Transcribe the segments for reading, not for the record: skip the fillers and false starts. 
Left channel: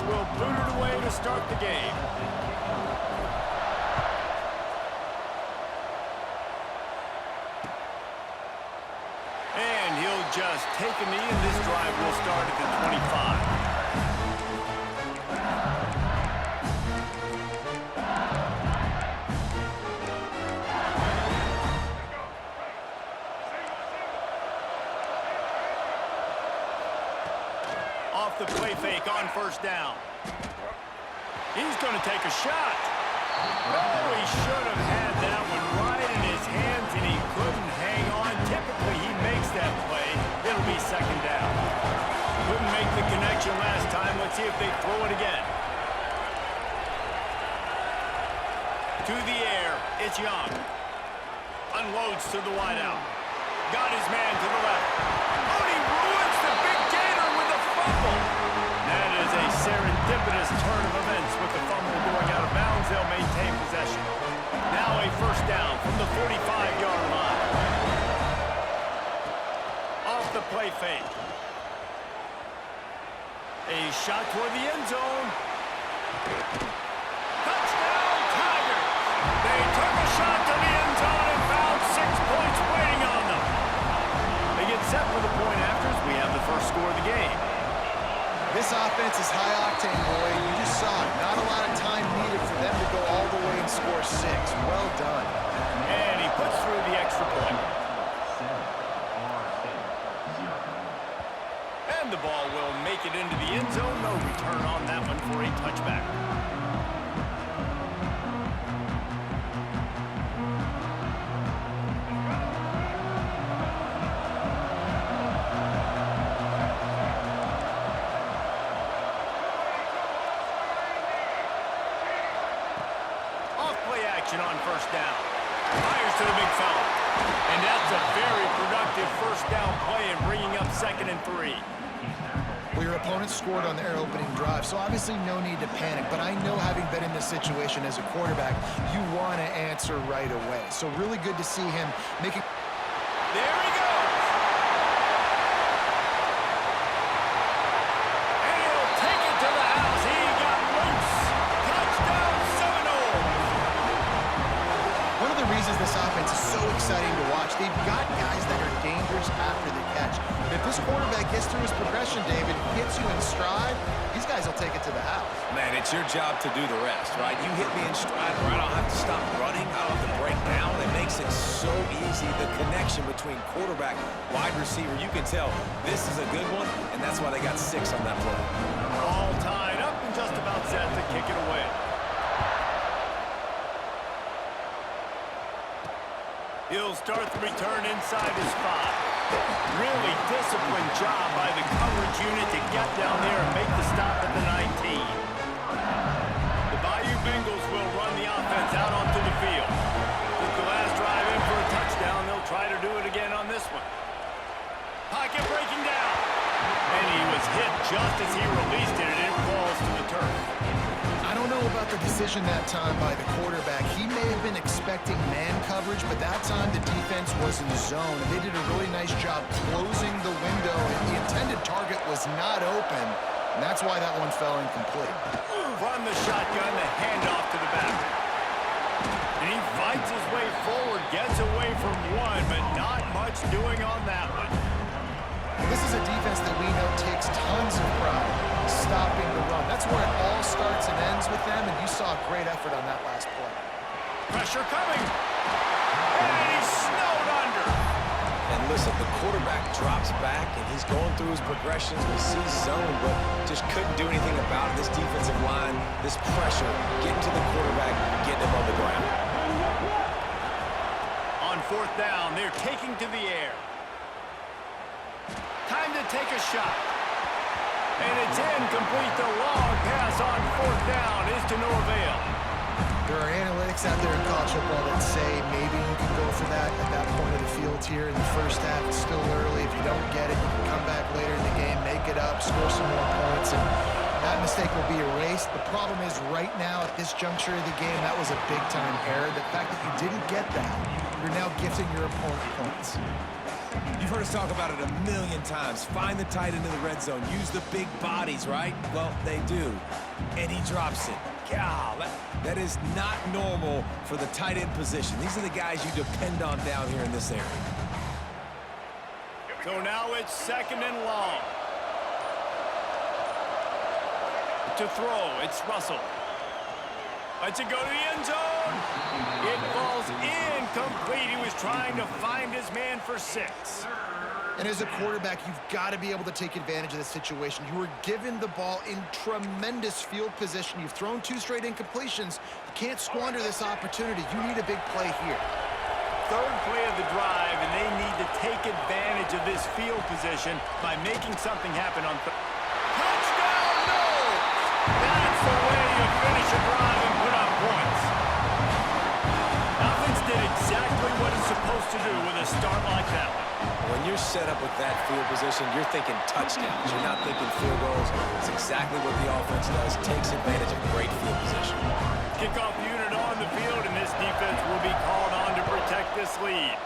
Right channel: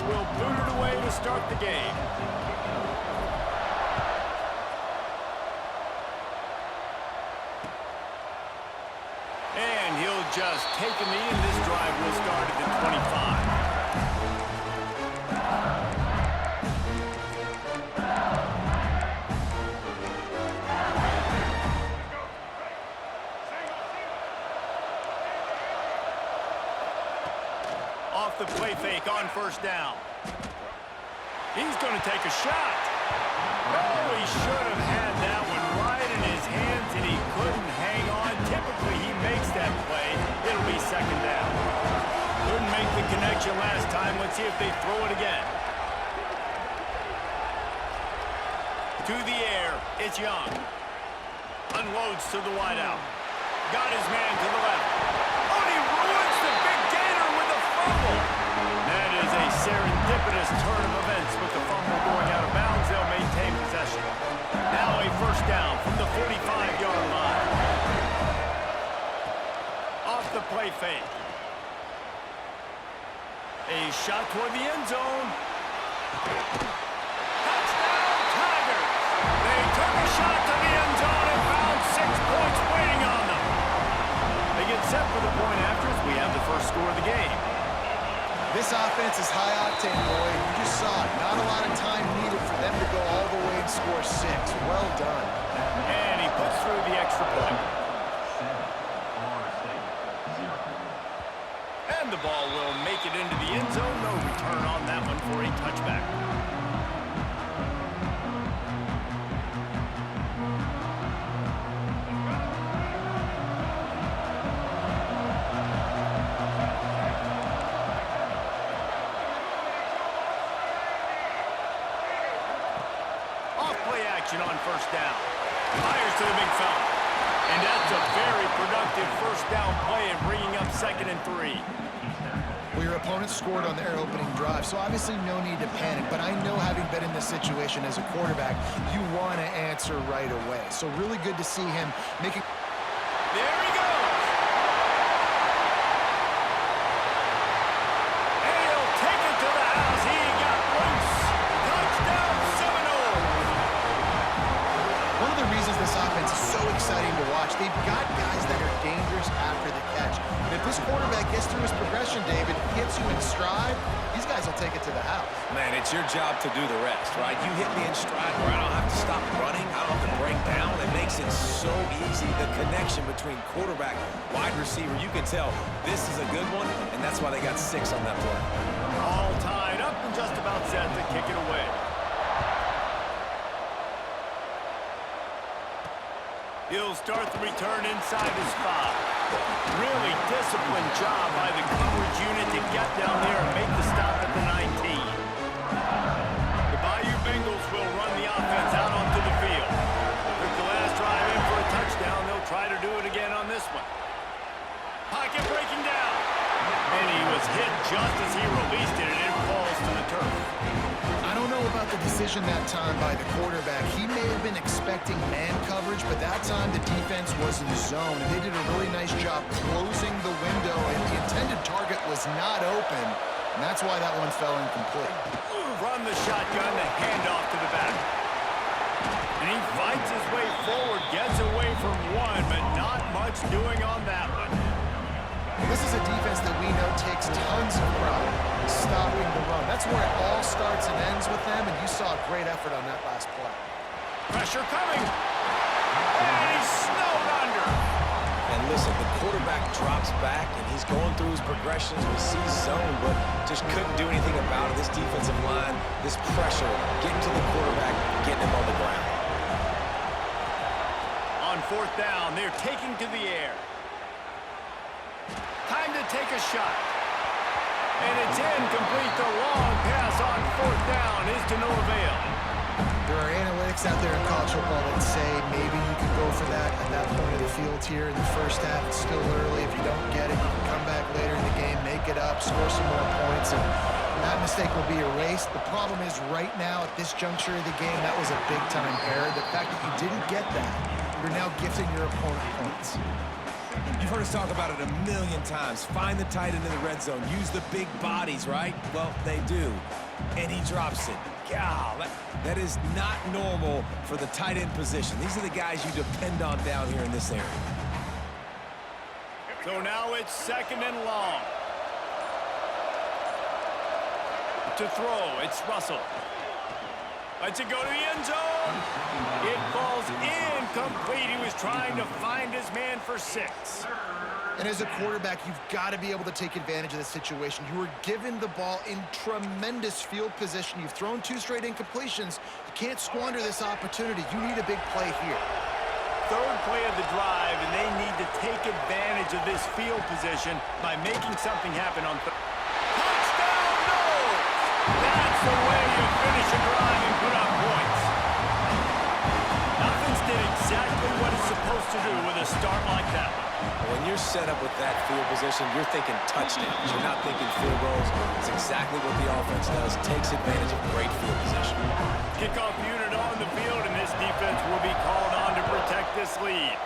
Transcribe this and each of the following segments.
offense will boot it away to start the game. And he'll just take a knee, and this drive will start at the 25. Off the play fake on first down. He's going to take a shot. Oh, he should have had that one right in his hands, and he couldn't hang on. Typically, he makes that play. It'll be second down. Couldn't make the connection last time. Let's see if they throw it again. To the air, it's Young. Unloads to the wideout. Got his man to the left. Oh, and he ruins the big gator with a fumble. That is a serendipitous turn of events with the fumble going out of bounds. They'll maintain possession. Now a first down from the 45-yard line. Off the play fake. A shot toward the end zone. Touchdown, Tigers! They took a shot to the end zone and found 6 points waiting on them. They get set for the point afters. We have the first score of the game. This offense is high octane, Boyd. You just saw it. Not a lot of time needed for them to go all the way and score 6. Well done. And he puts through the extra point. And the ball will make it into the end zone. No return on that one for a touchback. On first down. Fires to the big fella. And that's a very productive first down play and bringing up 2nd and 3. Well, your opponent scored on their opening drive, so obviously no need to panic. But I know, having been in this situation as a quarterback, you want to answer right away. So really good to see him making... There he goes! And he'll take it to the house. He got loose. Touchdown, Seminoles! One of the reasons this offense is so exciting to watch, they've got guys that are dangerous after the catch. But if this quarterback gets through his progression, David, hits you in stride, these guys will take it to the house. Man, it's your job to do the rest, right? You hit me in stride where I don't have to stop running, I don't have to break down. It makes it so easy. The connection between quarterback, wide receiver, you can tell this is a good one, and that's why they got 6 on that play. All tied up and just about set to kick it away. He'll start the return inside his 5. Really disciplined job by the coverage unit to get down there and make the stop at the 19. The Bayou Bengals will run the offense out onto the field. Took the last drive in for a touchdown. They'll try to do it again on this one. Pocket breaking down. And he was hit just as he released it, and it falls to the turf. I don't know about the decision that time by the quarterback. He may have been expecting man coverage, but that time the defense was in zone, and they did a really nice job closing the window, and the intended target was not open, and that's why that one fell incomplete. Run the shotgun, the handoff to the back. And he fights his way forward, gets away from one, but not much doing on that one. This is a defense that we know takes tons of pride stopping the run. That's where it all starts and ends with them, and you saw a great effort on that last play. Pressure coming. And he's snowed under. And listen, the quarterback drops back, and he's going through his progressions. We see zone, but just couldn't do anything about it. This defensive line, this pressure, getting to the quarterback, getting him on the ground. On 4th down, they're taking to the air. Time to take a shot. And it's incomplete. The long pass on 4th down is to no avail. There are analytics out there in college football that say maybe you can go for that at that point of the field here in the first half. It's still early. If you don't get it, you can come back later in the game, make it up, score some more points, and that mistake will be erased. The problem is right now at this juncture of the game, that was a big-time error. The fact that you didn't get that, you're now gifting your opponent points. You've heard us talk about it a million times. Find the tight end in the red zone. Use the big bodies, right? Well, they do. And he drops it. God, that is not normal for the tight end position. These are the guys you depend on down here in this area. So now it's 2nd and long. To throw, it's Russell. Lets it go to the end zone. It falls incomplete. He was trying to find his man for 6. And as a quarterback, you've got to be able to take advantage of this situation. You were given the ball in tremendous field position. You've thrown 2 straight incompletions. You can't squander this opportunity. You need a big play here. 3rd play of the drive, and they need to take advantage of this field position by making something happen on touchdown. No! That's the way you finish a drive and put up points. Offense did exactly what it's supposed to do with a start like that one. When you're set up with that field position, you're thinking touchdowns. You're not thinking field goals. It's exactly what the offense does. Takes advantage of great field position. Kickoff unit on the field, and this defense will be called on to protect this lead.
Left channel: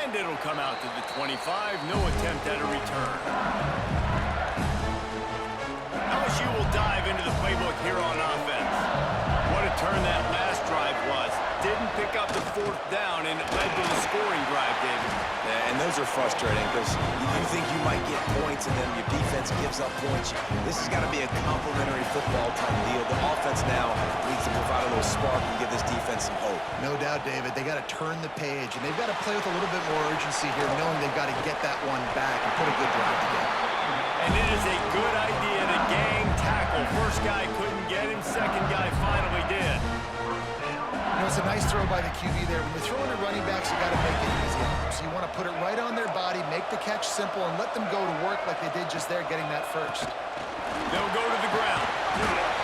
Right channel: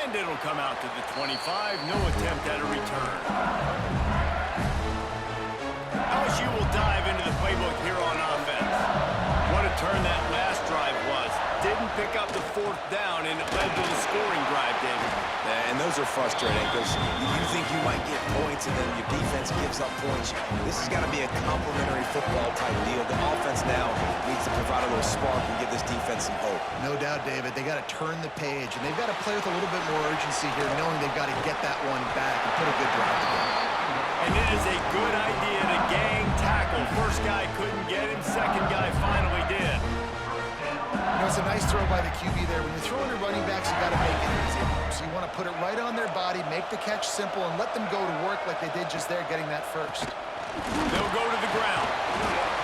And it'll come out to the 25. No attempt at a return. LSU will dive into the playbook here on offense. What a turn that last drive was. Didn't pick up the 4th down, and it led to the scoring drive, David. Yeah, and those are frustrating because you think you might get points, and then your defense gives up points. This has got to be a complementary football type deal. The offense now needs to provide a little spark and give this defense some hope. No doubt, David. They got to turn the page, and they've got to play with a little bit more urgency here, knowing they've got to get that one back and put a good drive together. And it is a good idea to gang tackle. First guy couldn't get him. Second guy finally did. You know, it's a nice throw by the QB there. When you're throwing to running backs, you got to make it easy. So you want to put it right on their body, make the catch simple, and let them go to work like they did just there, getting that first. They'll go to the ground.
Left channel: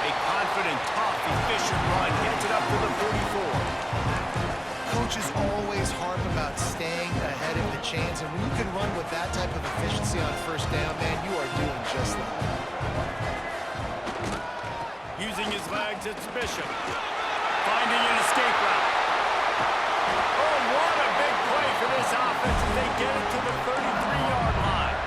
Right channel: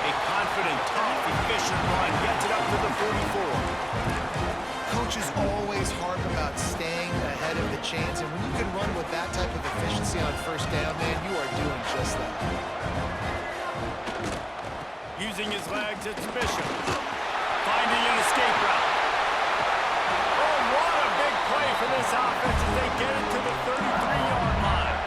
A confident, tough, efficient run gets it up to the 44. Coaches always harp about staying ahead of the chains, and when you can run with that type of efficiency on first down, man, you are doing just that. Using his legs, it's Bishop. Finding an escape route. Oh, what a big play for this offense as they get it to the 33-yard line.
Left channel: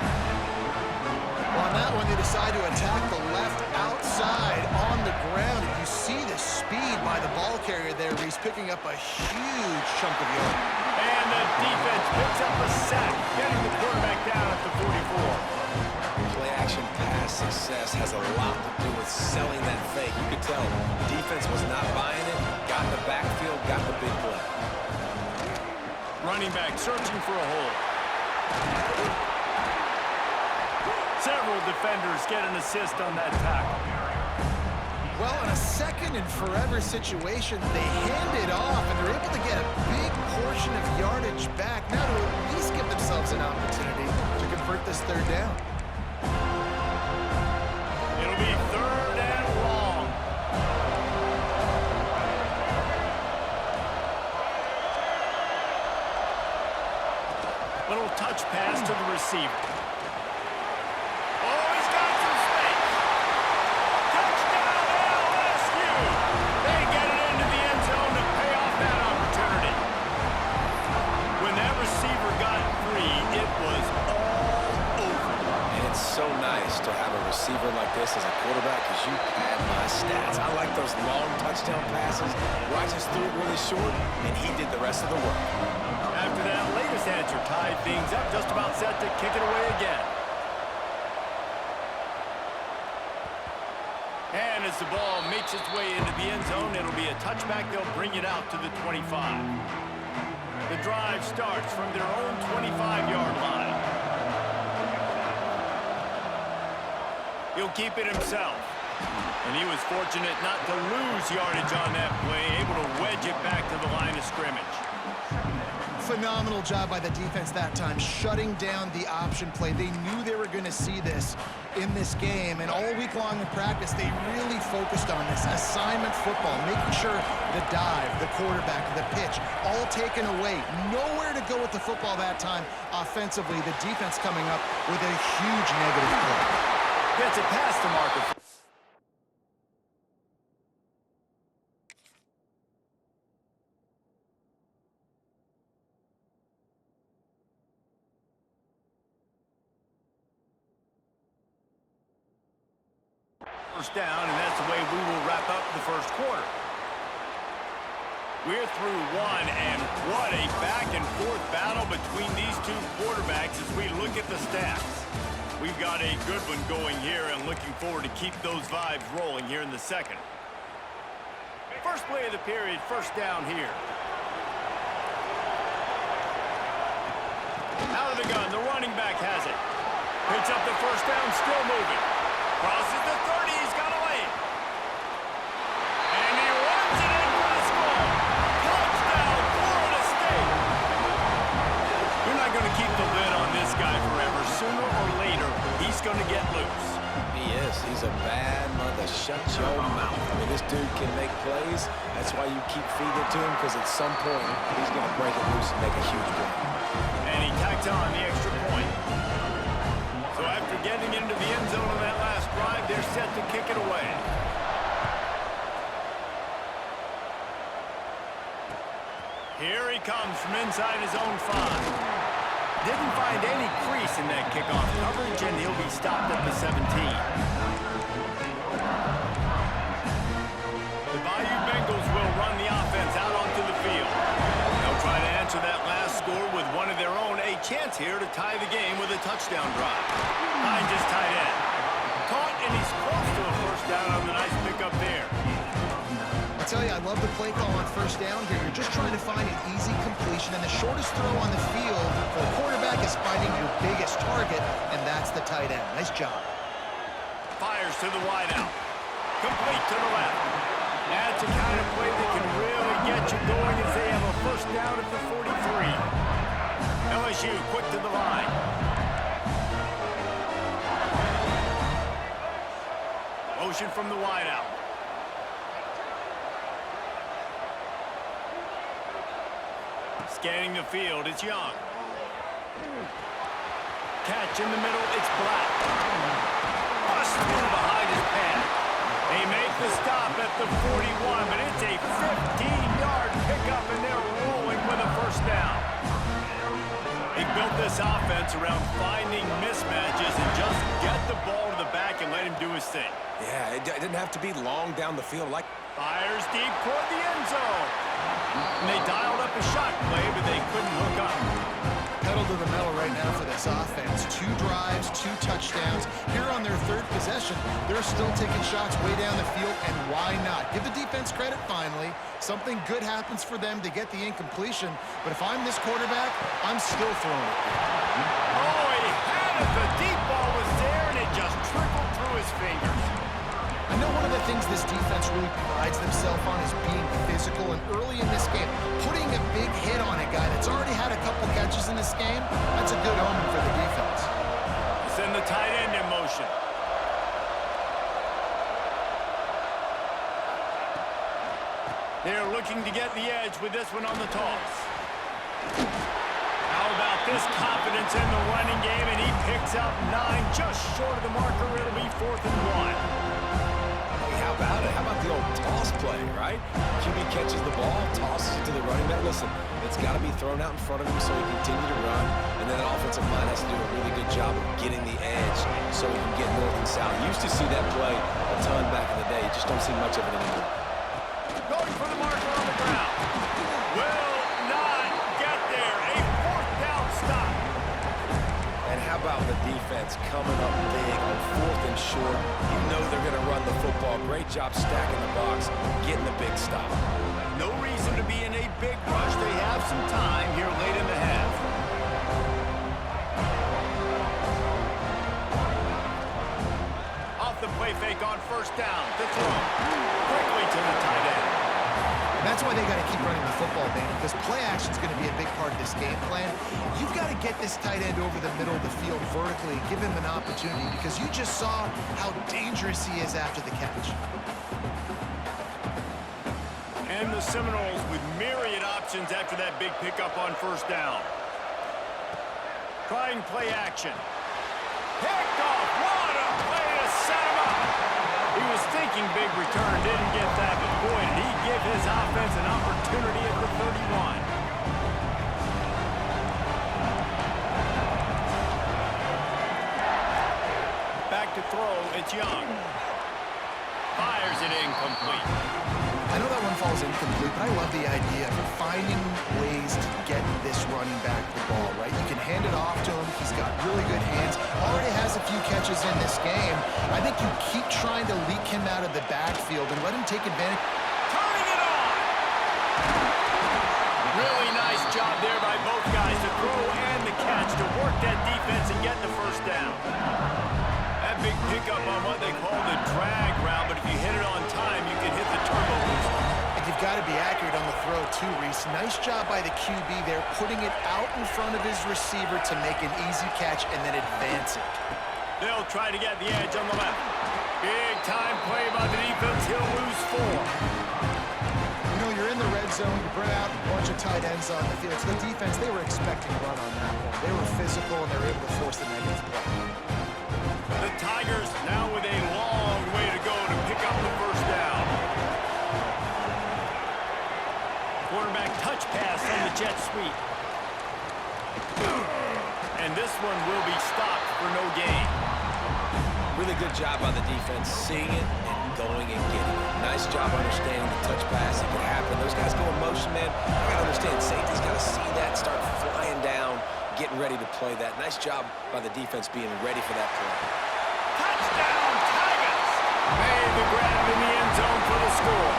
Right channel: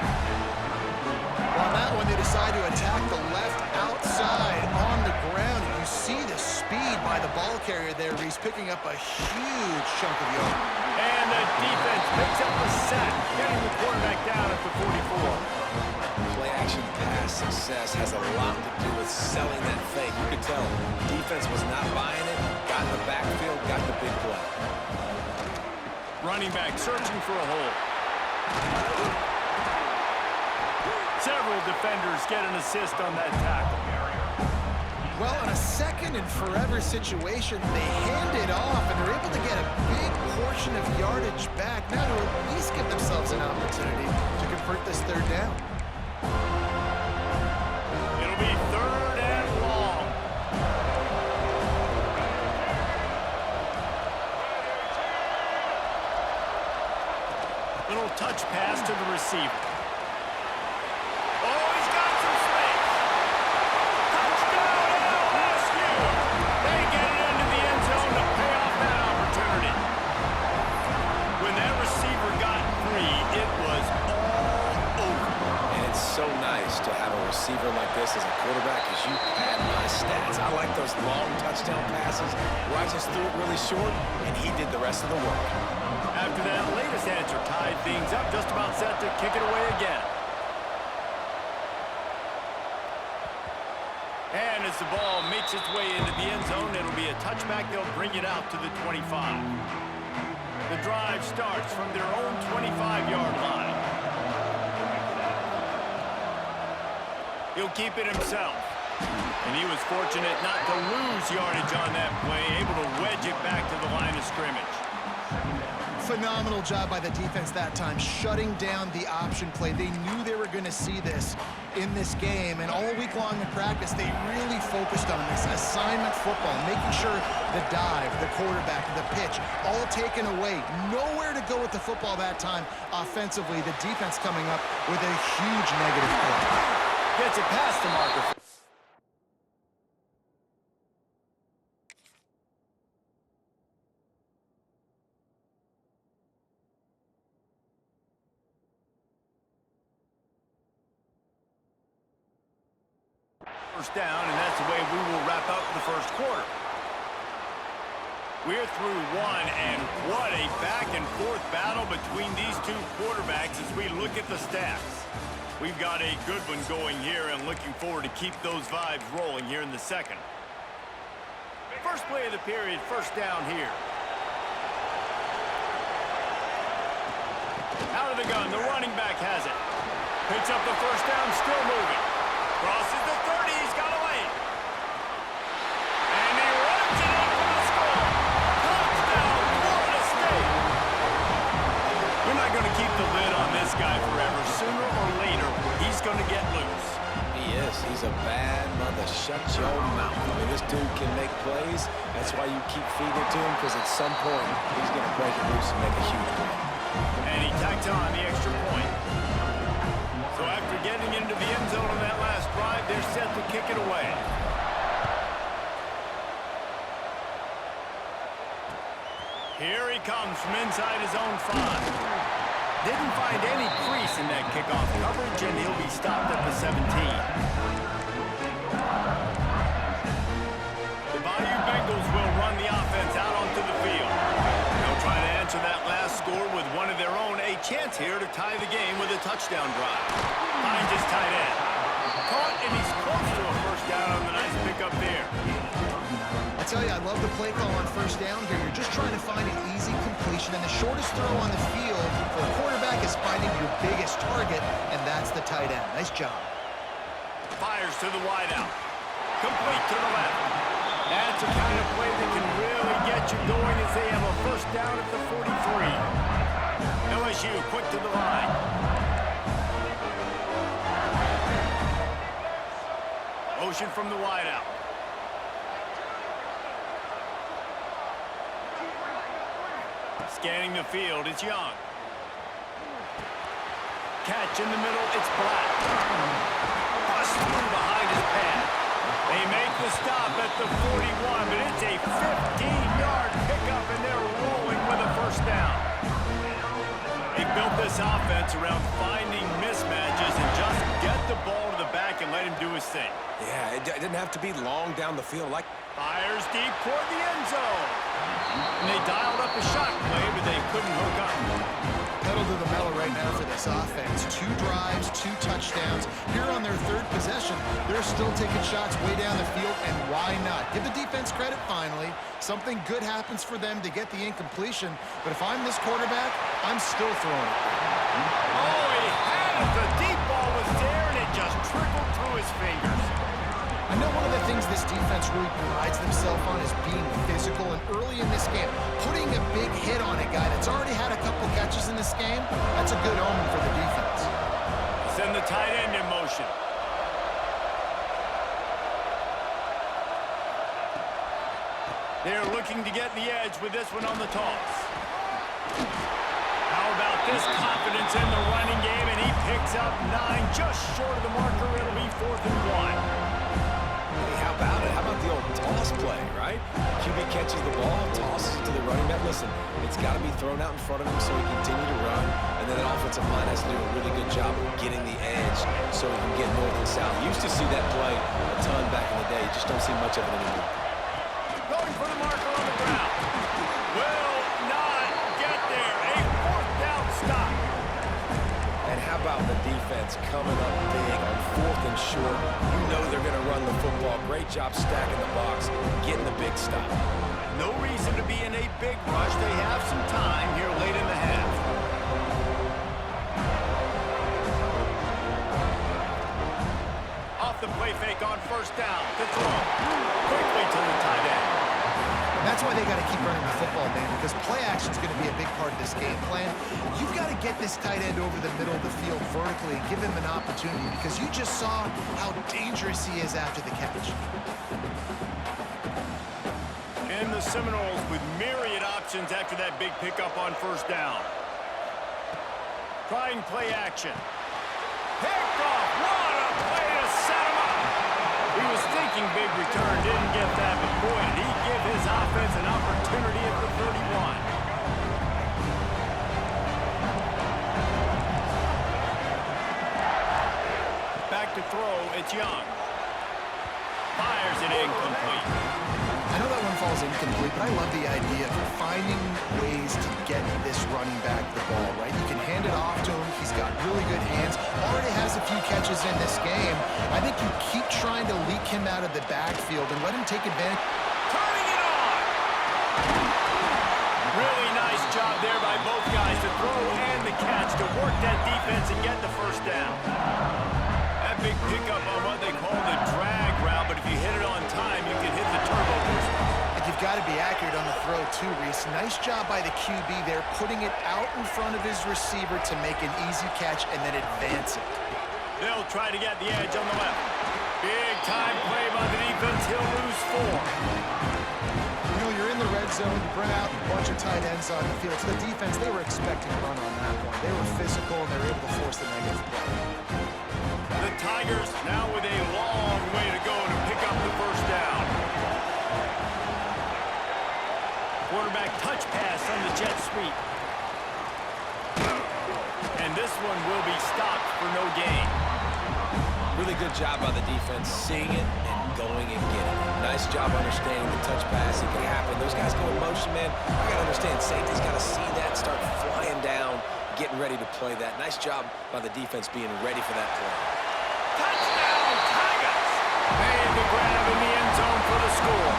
Well, on that one, they decide to attack the left outside on the ground. And you see the speed by the ball carrier there. He's picking up a huge chunk of yard. And the defense picks up a sack, getting the quarterback down at the 44. Play-action pass success has a lot to do with selling that fake. You could tell defense was not buying it, got in the backfield, got the big play. Running back searching for a hole. Several defenders get an assist on that tackle. Well, in a second and forever situation, they hand it off, and they're able to get a big portion of yardage back, now to at least give themselves an opportunity to convert this 3rd down. It'll be 3rd and long. Little touch pass to the receiver. Oh, he's got some space. Touchdown, LSU. They get it into the end zone to pay off that opportunity. When that receiver got free, it was all over. And it's so nice to have a receiver like this as a quarterback because you pad my stats. I like those long touchdown passes where I just threw it really short, and he did the rest of the work. After that latest answer tied things up, just about set to kick it away again. And as the ball makes its way into the end zone, it'll be a touchback. They'll bring it out to the 25. The drive starts from their own 25-yard line. He'll keep it himself. And he was fortunate not to lose yardage on that play, able to wedge it back to the line of scrimmage. Phenomenal job by the defense that time, shutting down the option play. They knew they were going to see this in this game, and all week long in practice, they really focused on this assignment football, making sure the dive, the quarterback, the pitch, all taken away. Nowhere to go with the football that time offensively. The defense coming up with a huge negative play. Gets it past the marker. First down, and that's the way we will wrap up the first quarter. We're through one, and what a back-and-forth battle between these two quarterbacks as we look at the stats. We've got a good one going here, and looking forward to keep those vibes rolling here in the second. First play of the period, first down here. Out of the gun, the running back has it. Picks up the first down, still moving. Crosses the 30, he's got a lane. And he runs it in for the score. Touchdown, Florida State. You're not going to keep the lid on this guy forever. Sooner or later, he's going to get loose. He is. He's a bad mother. Shut your mouth. I mean, this dude can make plays. That's why you keep feeding it to him, because at some point, he's going to break it loose and make a huge play. And he tacked on the extra point. So after getting into the end zone on that last drive, they're set to kick it away. Here he comes from inside his own 5. Didn't find any crease in that kickoff coverage, and he'll be stopped at the 17. The Bayou Bengals will run the offense out onto the field. They'll try to answer that last score with one of their own. A chance here to tie the game with a touchdown drive. Finds his tight end. Caught, and he's close to a first down on the nice pickup there. I'll tell you, I love the play call on first down here. You're just trying to find an easy completion, and the shortest throw on the field for the quarterback is finding your biggest target, and that's the tight end. Nice job. Fires to the wideout. Complete to the left. That's a kind of play that can really get you going as they have a first down at the 43. LSU quick to the line. Motion from the wideout. Scanning the field, it's Young. Catch in the middle, it's Black. Bust through behind his pad. They make the stop at the 41, but it's a 15-yard pickup, and they're rolling with a first down. They built this offense around finding mismatches and just get the ball to the back and let him do his thing. Yeah, it didn't have to be long down the field. Fires deep toward the end zone. And they dialed up a shot play, but they couldn't hook up. Pedal to the metal right now for this offense. 2 drives, 2 touchdowns. Here on their 3rd possession, they're still taking shots way down the field, and why not? Give the defense credit finally. Something good happens for them to get the incompletion, but if I'm this quarterback, I'm still throwing it. Oh, he had it. The deep ball was there, and it just trickled through his fingers. I know one of the things this defense really prides themselves on is being physical, and early in this game, putting a big hit on a guy that's already had a couple catches in this game, that's a good omen for the defense. Send the tight end in motion. They're looking to get the edge with this one on the toss. How about this confidence in the running game, and he picks up 9, just short of the marker. It'll be 4th and 1. How about it? How about the old toss play, right? QB catches the ball, tosses it to the running back. Listen, it's got to be thrown out in front of him so he can continue to run, and then the offensive line has to do a really good job of getting the edge so he can get north and south. You used to see that play a ton back in the day. You just don't see much of it anymore. Going for the marker on the ground. Will not get there. A 4th down stop. And how about the defense coming up big on 4th and short? You know they're going to run the football. Great job stacking the box, getting the big stop. No reason to be in a big rush. They have some time here late in the half. Off the play fake on first down. To throw. Quickly to the tight end. And that's why they got to keep running the football, man, because play action is going to be a big part of this game plan. You've got to get this tight end over the middle of the field vertically and give him an opportunity, because you just saw how dangerous he is after the catch. And the Seminoles with myriad options after that big pickup on first down. Trying play action. Picked off. What a play to set him up. He was thinking big return, didn't get that, but boy, did he give his offense an opportunity at the 31. Back to throw, it's Young. Fires it incomplete. I know that one falls incomplete, but I love the idea of finding ways to get this running back the ball, right? You can hand it off to him. He's got really good hands. Already has a few catches in this game. I think you keep trying to leak him out of the backfield and let him take advantage. Turning it on! Really nice job there by both guys to throw and the catch to work that defense and get the first down. That big pickup on what they call the drag route, but if you hit it on time, you can hit the turbo booster. And you've got to be accurate on the throw too, Reese. Nice job by the QB there, putting it out in front of his receiver to make an easy catch and then advance it. They'll try to get the edge on the left. Big time play by the defense. He'll lose 4. You know, you're in the red zone, you bring out a bunch of tight ends on the field. So the defense, they were expecting a run on that one. They were physical, and they were able to force the negative play. The Tigers now with a long way to go to pick up the first down. Quarterback touch pass on the jet sweep. And this one will be stopped for no gain. Really good job by the defense, seeing it and going and getting it. Nice job understanding the touch pass. It can happen. Those guys go in motion, man. You got to understand, safety's got to see that, start flying down, getting ready to play that. Nice job by the defense being ready for that play. Touchdown, Tigers! Made the grab in the end zone for the score.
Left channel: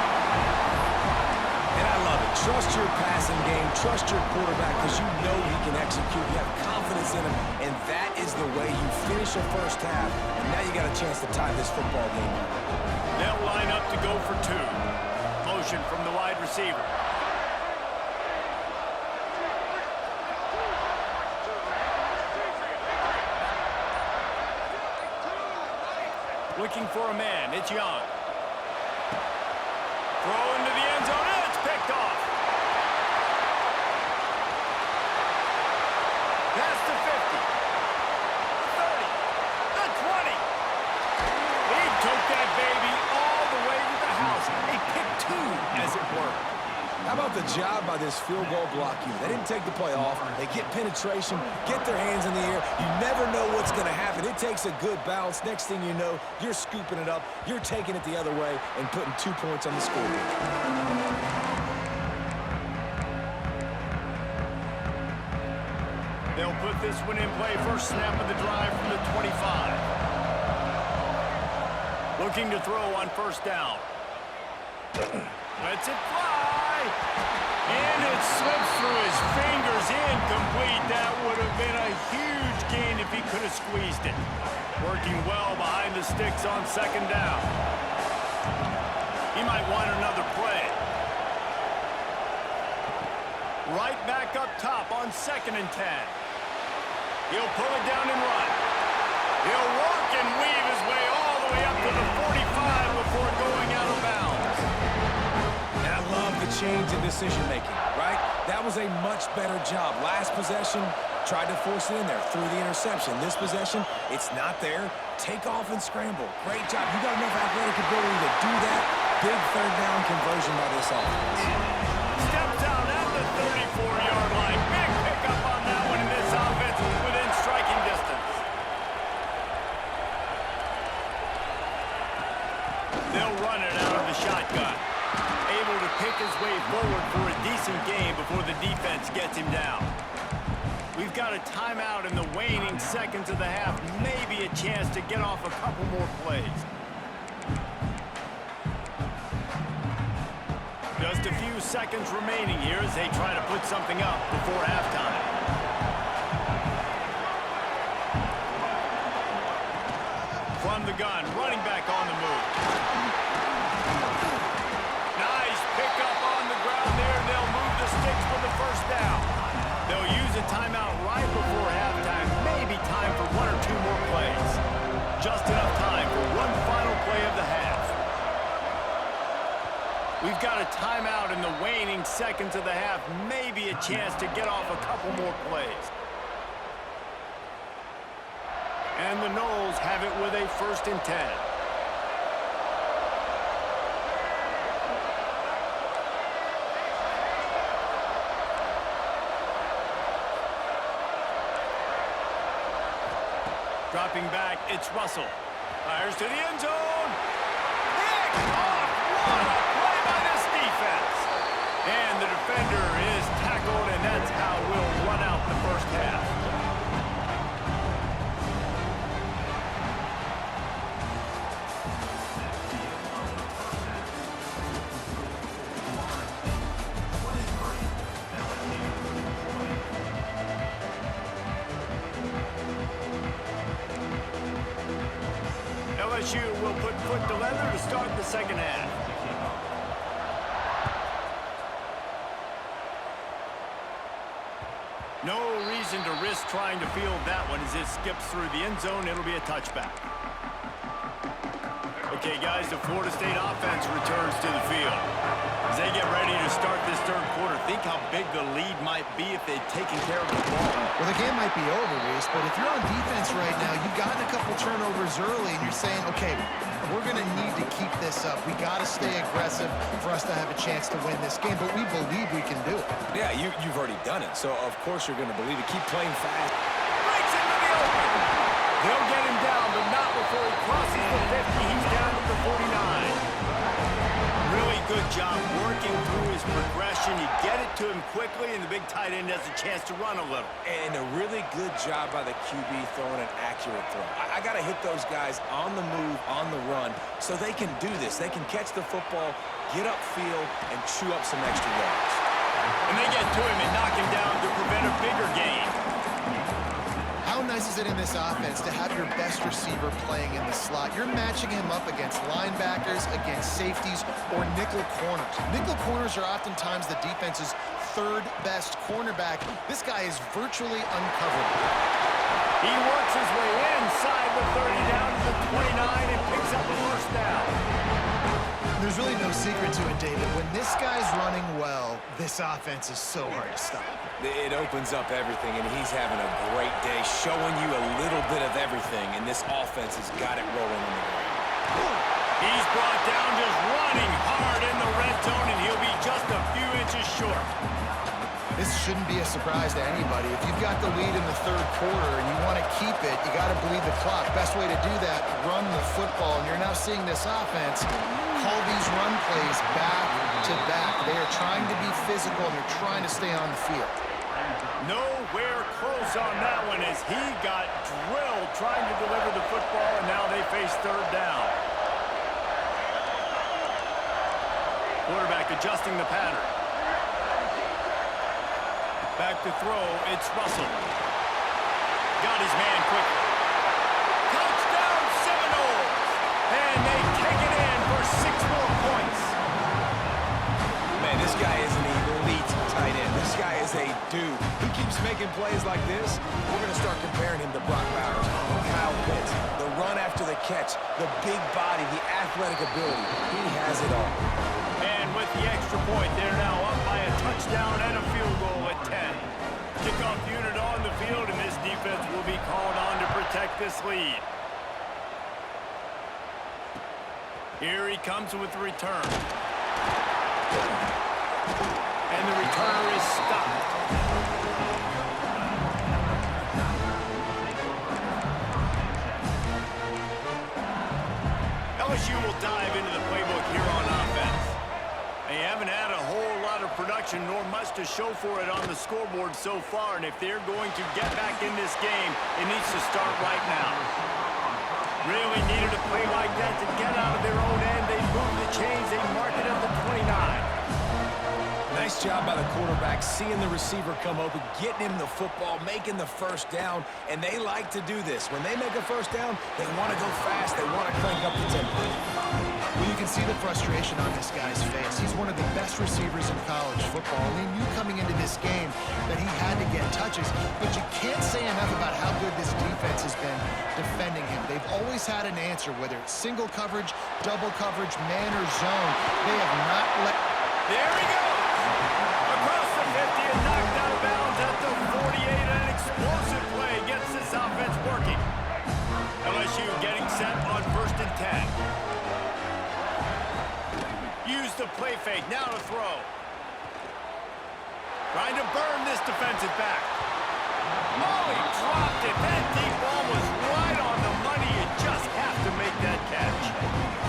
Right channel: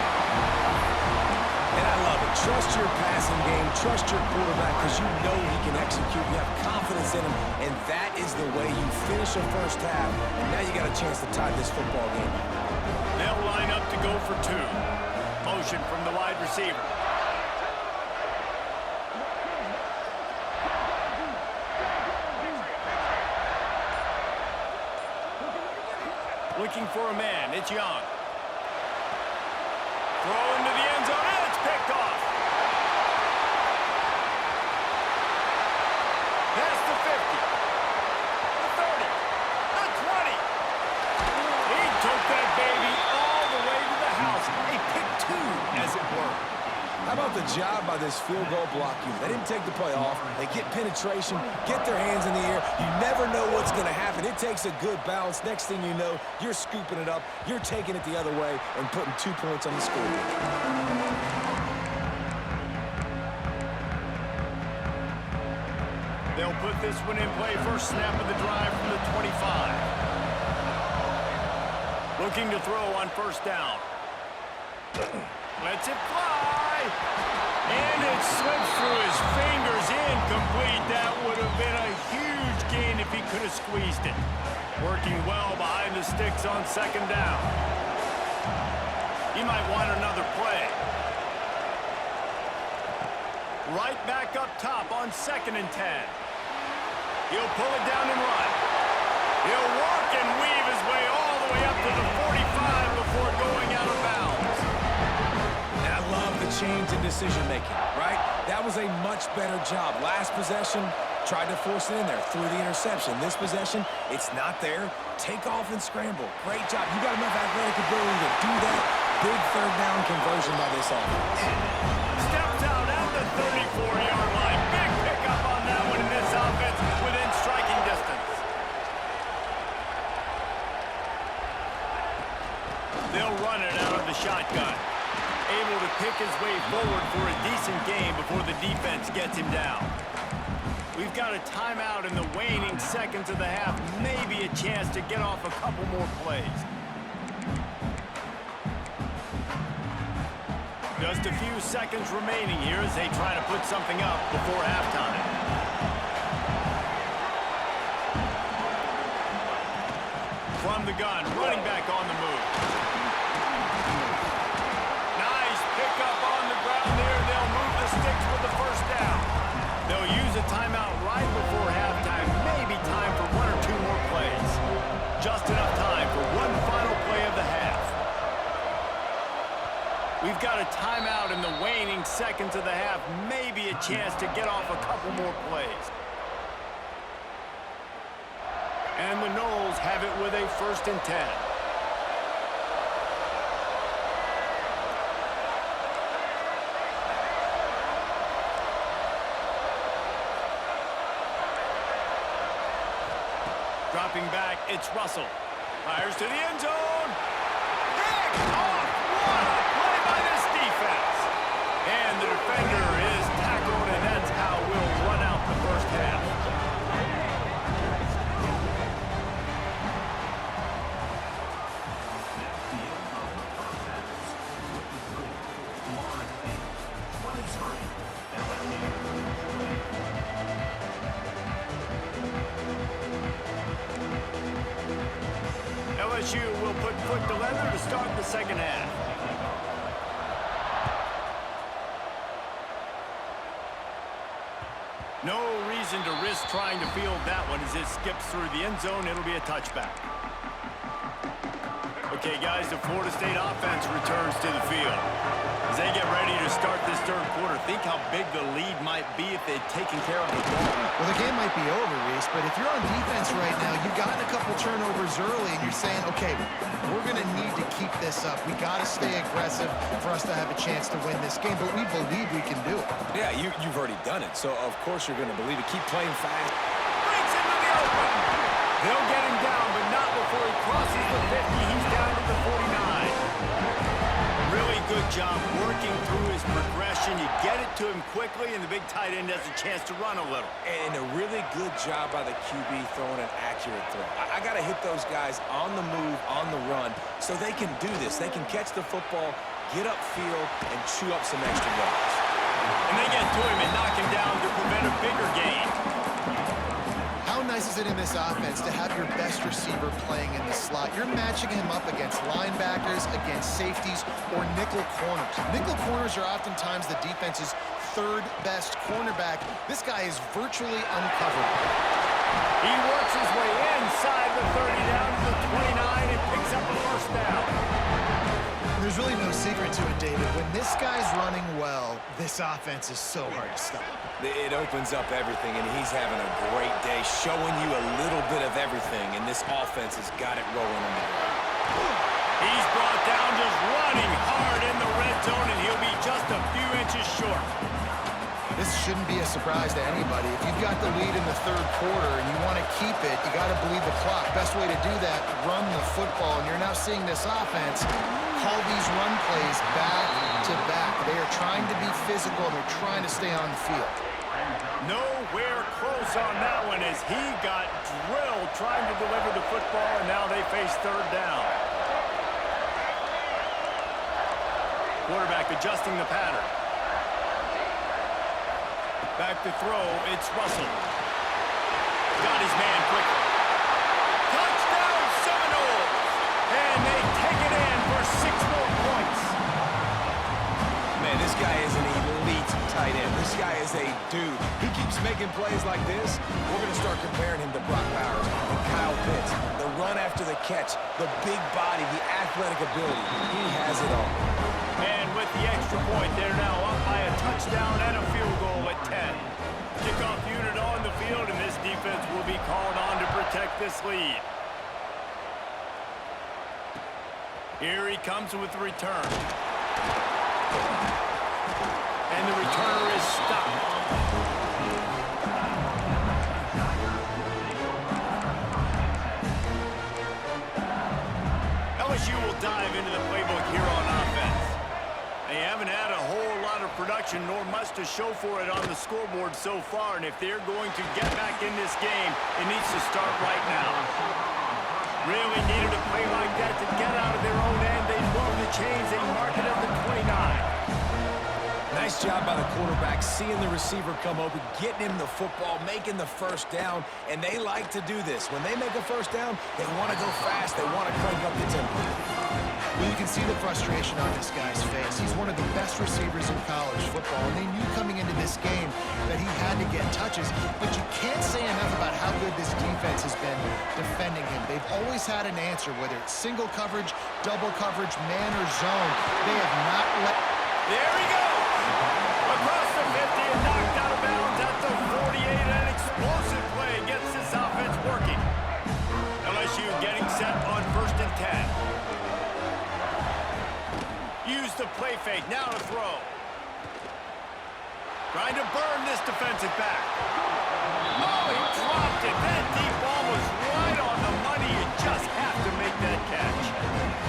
And I love it. Trust your passing game. Trust your quarterback because you know he can execute. You have confidence in him, and that is the way you finish a first half. And now you got a chance to tie this football game up. They'll line up to go for 2. Motion from the wide receiver. Looking for a man. It's Young. Throw into the end zone. And it's picked off. Past the 50. The 30. The 20. He took that baby all the way to the house. A pick 2, as it were. How about the job by this field goal block unit? They didn't take the play off. They get penetration, get their hands in the air. You never know what's going to happen. It takes a good bounce. Next thing you know, you're scooping it up. You're taking it the other way and putting 2 points on the scoreboard. They'll put this one in play. First snap of the drive from the 25. Looking to throw on first down. Lets it fly. And it slips through his fingers. Incomplete. That would have been a huge gain if he could have squeezed it. Working well behind the sticks on second down. He might want another play. Right back up top on 2nd and 10. He'll pull it down and run. He'll work and weave his way all the way up to the 45 before going out of bounds. And I love the change in decision-making, right? That was a much better job. Last possession, tried to force it in there, threw the interception. This possession, it's not there. Take off and scramble. Great job. You got enough athletic ability to do that. Big third down conversion by this offense. Steps out at the 34-yard line. Big pickup on that one in this offense within striking distance. They'll run it out of the shotgun. Able to pick his way forward for a decent gain before the defense gets him down. We've got a timeout in the waning seconds of the half. Maybe a chance to get off a couple more plays. Just a few seconds remaining here as they try to put something up before halftime. From the gun, running back on the move. Nice pickup on the ground there. They'll move the sticks with the first down. They'll use a timeout right before halftime. Maybe time for 1 or 2 more plays. Just enough time for one final play of the half. We've got a timeout in the waning seconds of the half. Maybe a chance to get off a couple more plays. And the Noles have it with a 1st and 10. Dropping back, it's Russell. Fires to the end zone. Pick! LSU will put foot to leather to start the second half. No reason to risk trying to field that one as it skips through the end zone. It'll be a touchback. Okay, guys, the Florida State offense returns to the field. As they get ready to start this third quarter, think how big the lead might be if they'd taken care of the ball. Well, the game might be over, Reese, but if you're on defense right now, you've gotten a couple turnovers early, and you're saying, okay, we're going to need to keep this up. We got to stay aggressive for us to have a chance to win this game, but we believe we can do it. Yeah, you've already done it, so of course you're going to believe it. Keep playing fast. Breaks into the open. They'll get him down, but not before he crosses the 50. He's down to the 49. Really good job working through his progression. You get it to him quickly, and the big tight end has a chance to run a little. And a really good job by the QB throwing an accurate throw. I got to hit those guys on the move, on the run, so they can do this. They can catch the football, get upfield, and chew up some extra yards. And they get to him and knock him down to prevent a bigger gain. How nice is it in this offense to have your best receiver playing in the slot? You're matching him up against linebackers, against safeties, or nickel corners. Nickel corners are oftentimes the defense's third best cornerback. This guy is virtually uncoverable. He works his way inside the 30 down to the 29 and picks up a first down. There's really no secret to it, David. When this guy's running well, this offense is so hard to stop. It opens up everything, and he's having a great day, showing you a little bit of everything, and this offense has got it rolling on the ground. He's brought down just running hard in the red zone, and he'll be just a few inches short. This shouldn't be a surprise to anybody. If you've got the lead in the third quarter and you want to keep it, you got to bleed the clock. Best way to do that, run the football. And you're now seeing this offense call these run plays back to back. They are trying to be physical, and they're trying to stay on the field. Nowhere close on that one as he got drilled trying to deliver the football, and now they face third down. Quarterback adjusting the pattern. Back to throw, it's Russell. Got his man quickly. Touchdown Seminoles! And they take it in for 6 more points. Man, this guy is an elite tight end. This guy is a dude. He keeps making plays like this. We're going to start comparing him to Brock Bowers and Kyle Pitts. The run after the catch, the big body, the athletic ability. He has it all. And with the extra point, they're now up by a touchdown and a field goal at 10. Kickoff unit on the field, and this defense will be called on to protect this lead. Here he comes with the return. And the returner is stopped. LSU will dive into the playbook here on offense. They haven't had a whole lot of production, nor much to show for it on the scoreboard so far, and if they're going to get back in this game, it needs to start right now. Really needed a play like that to get out of their own end. They move the chains, they mark it at the 29. Nice job by the quarterback, seeing the receiver come open, getting him the football, making the first down, and they like to do this. When they make a first down, they want to go fast, they want to crank up the tempo. Well, you can see the frustration on this guy's face. He's one of the best receivers in college football, and they knew coming into this game that he had to get touches, but you can't say enough about how good this defense has been defending him. They've always had an answer, whether it's single coverage, double coverage, man or zone. They have not let... There he goes! Across the 50 and knocked out of bounds at the 48. An explosive play gets this offense working. LSU getting set on 1st and 10. Use the play fake, now to throw. Trying to burn this defensive back. Oh, he dropped it. That deep ball was right on the money. You just have to make that catch.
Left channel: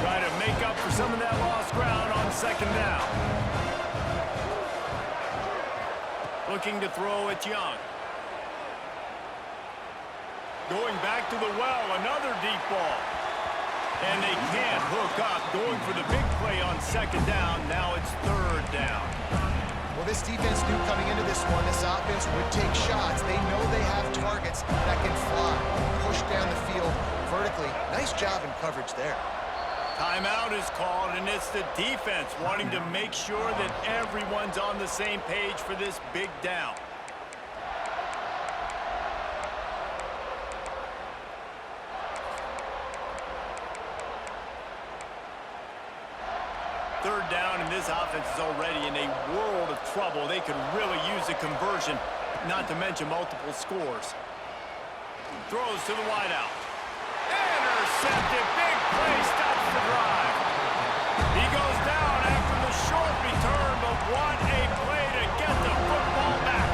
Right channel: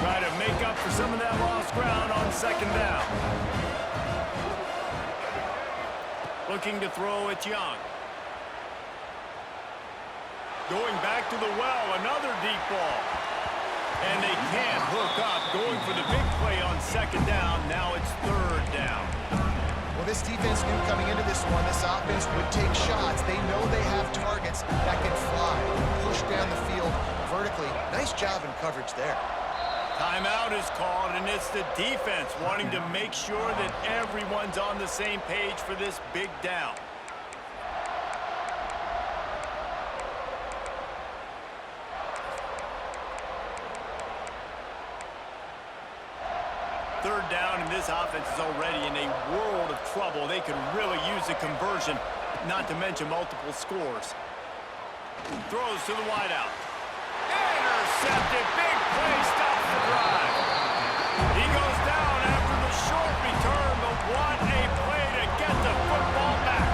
Try to make up for some of that lost ground on 2nd down. Looking to throw it Young. Going back to the well, another deep ball. And they can't hook up. Going for the big play on 2nd down. Now it's 3rd down. Well, this defense knew coming into this one, this offense would take shots. They know they have targets that can fly, push down the field vertically. Nice job in coverage there. Timeout is called, and it's the defense wanting to make sure that everyone's on the same page for this big down. Third down, and this offense is already in a world of trouble. They could really use a conversion, not to mention multiple scores. Throws to the wideout. Intercepted. Big play stops the drive. He goes down after the short return, but what a play to get the football back.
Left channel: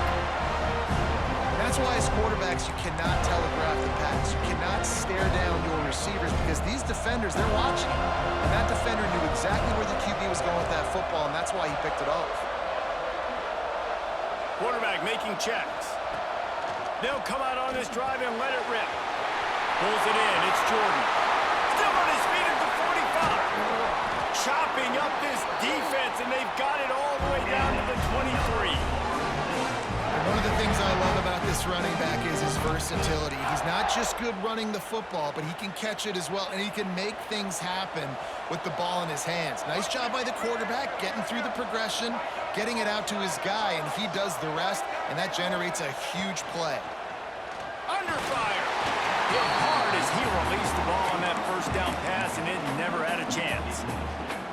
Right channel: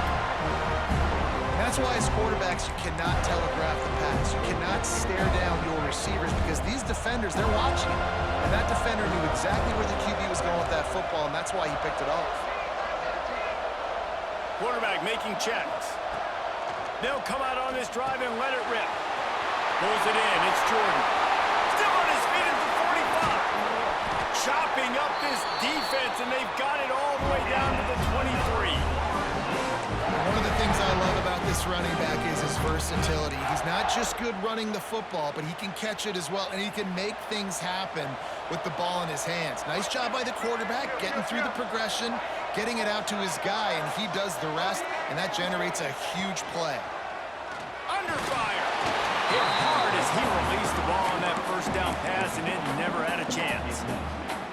And that's why as quarterbacks, you cannot telegraph the pass. You cannot stare down your receivers because these defenders, they're watching him. And that defender knew exactly where the QB was going with that football, and that's why he picked it off. Quarterback making checks. They'll come out on this drive and let it rip. Pulls it in. It's Jordan. Still on his feet at the 45. Chopping up this defense, and they've got it all the way down to the 23. And one of the things I love about this running back is his versatility. He's not just good running the football, but he can catch it as well, and he can make things happen with the ball in his hands. Nice job by the quarterback, getting through the progression, getting it out to his guy, and he does the rest, and that generates a huge play. Under fire. Hit hard as he released the ball on that first down pass, and it never had a chance.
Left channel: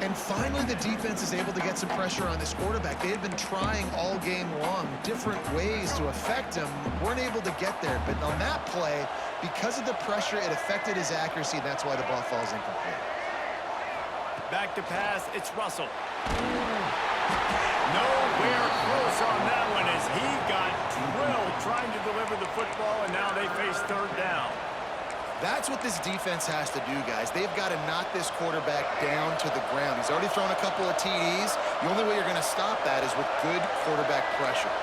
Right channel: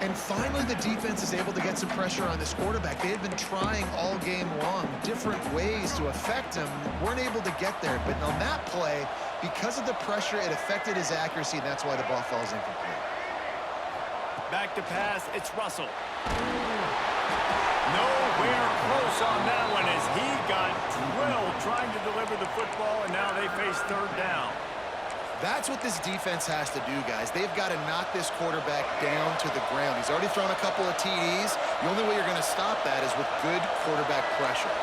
And finally, the defense is able to get some pressure on this quarterback. They had been trying all game long different ways to affect him, weren't able to get there. But on that play, because of the pressure, it affected his accuracy, and that's why the ball falls incomplete. Back to pass, it's Russell. Nowhere close on that one as he got drilled trying to deliver the football, and now they face third down. That's what this defense has to do, guys. They've got to knock this quarterback down to the ground. He's already thrown a couple of TDs. The only way you're going to stop that is with good quarterback pressure.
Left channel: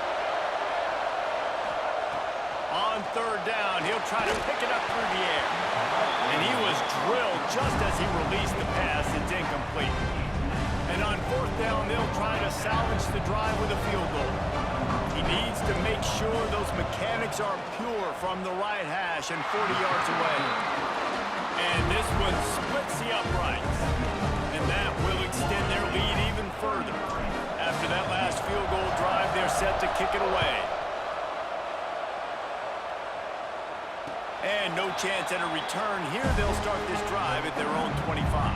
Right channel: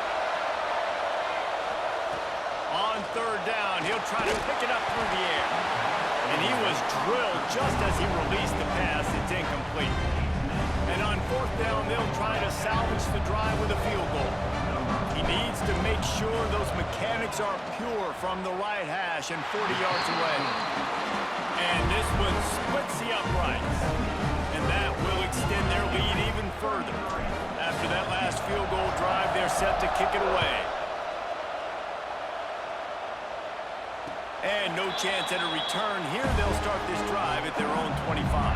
On third down, he'll try to pick it up through the air. And he was drilled just as he released the pass. It's incomplete. And on fourth down, they'll try to salvage the drive with a field goal. He needs to make sure those mechanics are pure from the right hash and 40 yards away. And this one splits the uprights. And that will extend their lead even further. After that last field goal drive, they're set to kick it away. And no chance at a return here. They'll start this drive at their own 25.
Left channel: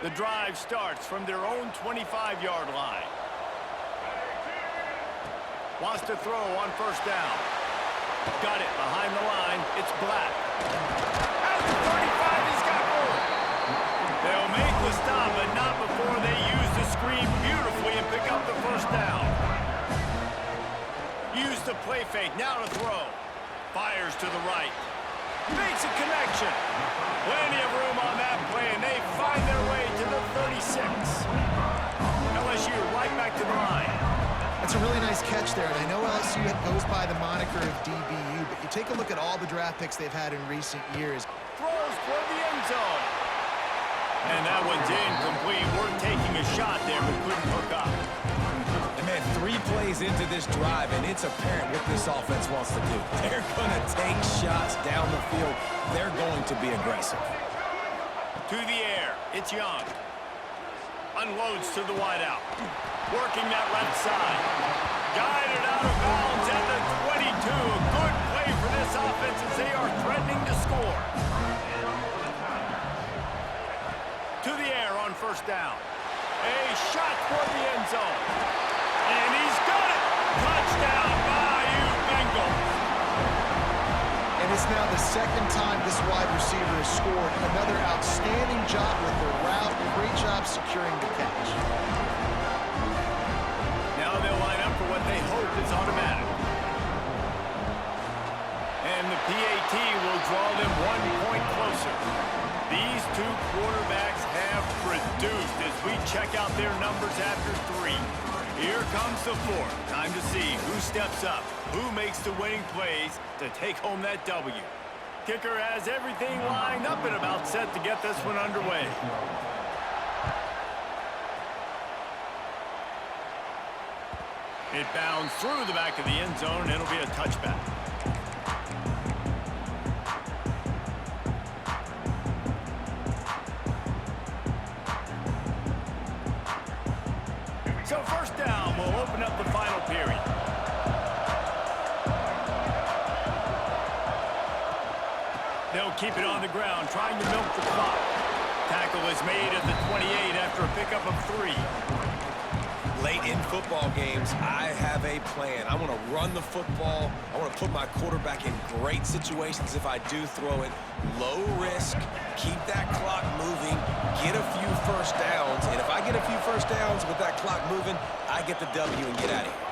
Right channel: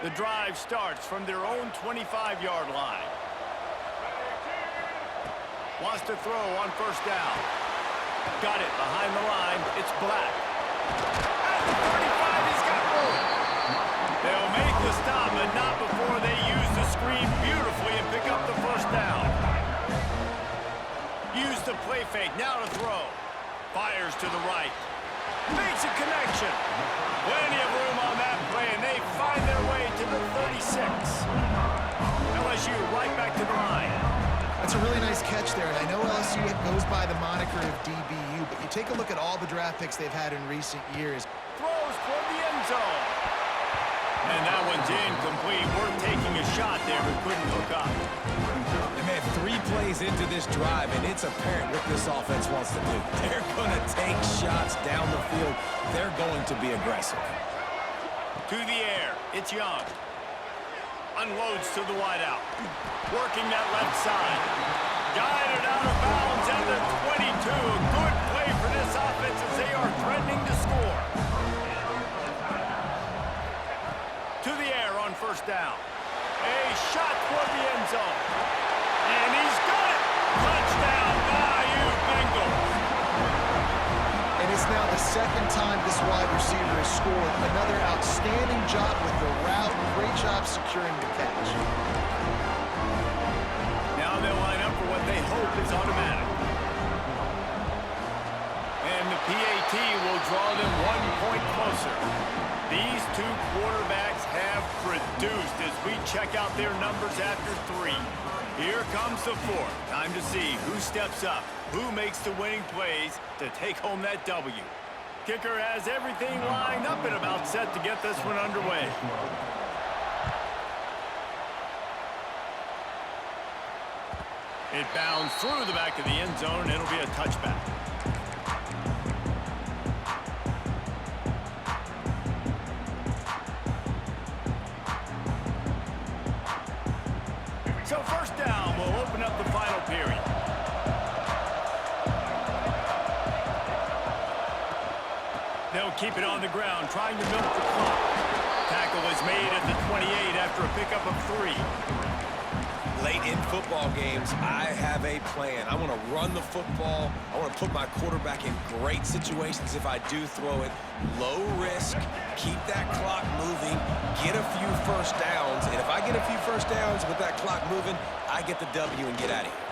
The drive starts from their own 25-yard line. Wants to throw on first down. Got it behind the line. It's Black. At the 35, he's got room. They'll make the stop, but not before they use the screen beautifully and pick up the first down. Use the play fake. Now to throw. Fires to the right. Makes a connection. Plenty of room on that play, and they find their way to the 36. LSU right back to the line. That's a really nice catch there, and I know LSU goes by the moniker of DBU, but you take a look at all the draft picks they've had in recent years. Throws toward the end zone. And that one's incomplete. Worth taking a shot there, but couldn't hook up. And man, 3 plays into this drive, and it's apparent what this offense wants to do. They're going to take shots down the field. They're going to be aggressive. To the air, it's Young. Unloads to the wideout. Working that left side. Guided out of bounds at the 22. A good play for this offense as they are threatening to score. To the air on first down. A shot toward the end zone. And he's got it. Touchdown, Bayou Bengals. And it's now the second time this wide receiver has scored. Another outstanding job with the route. Great job securing the catch. Now they'll line up for what they hope is automatic. And the PAT will draw them 1 point closer. These two quarterbacks have produced as we check out their numbers after 3. Here comes the 4th. Time to see who steps up, who makes the winning plays to take home that W. kicker has everything lined up and about set to get this one underway. It bounds through the back of the end zone, and it'll be a touchback. So first down will open up the final period. They'll keep it on the ground, trying to milk the clock. Tackle is made at the 28 after a pickup of 3. Late in football games, I have a plan. I want to run the football. I want to put my quarterback in great situations if I do throw it. Low risk, keep that clock moving, get a few first downs. And if I get a few first downs with that clock moving, I get the W and get out of here.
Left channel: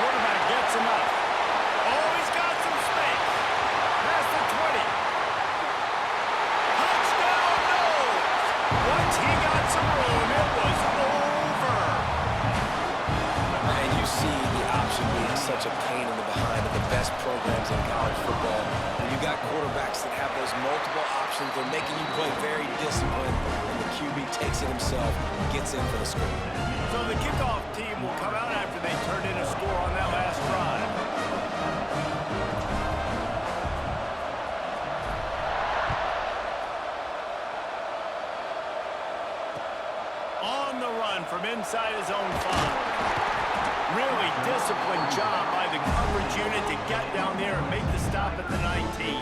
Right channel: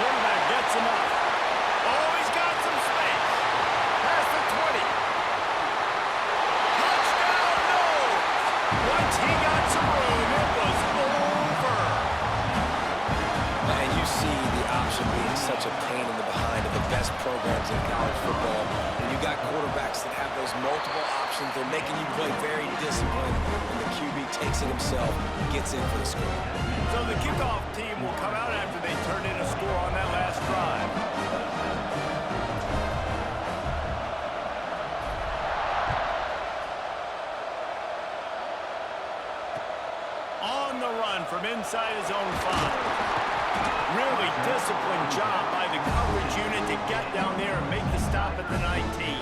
Quarterback gets enough. Oh, he's got some space. Past the 20. Touchdown, no! Once he got some room, it was over. And you see the option being such a pain in the behind of the best programs in college football. When you got quarterbacks that have those multiple options, they're making you play very disciplined, and the QB takes it himself, gets in for the score. So the kickoff team will come out after they turned in a score on that last drive. On the run from inside his own 5. Really disciplined job by the coverage unit to get down there and make the stop at the 19.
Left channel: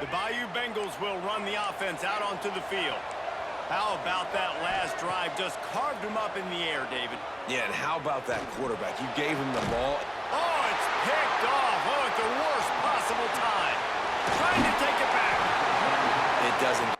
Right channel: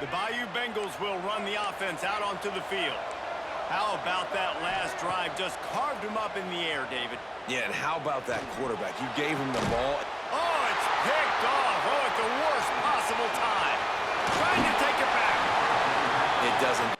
The Bayou Bengals will run the offense out onto the field. How about that last drive? Just carved him up in the air, David. Yeah, and how about that quarterback? You gave him the ball. Oh, it's picked off. Oh, at the worst possible time. Trying to take it back. It doesn't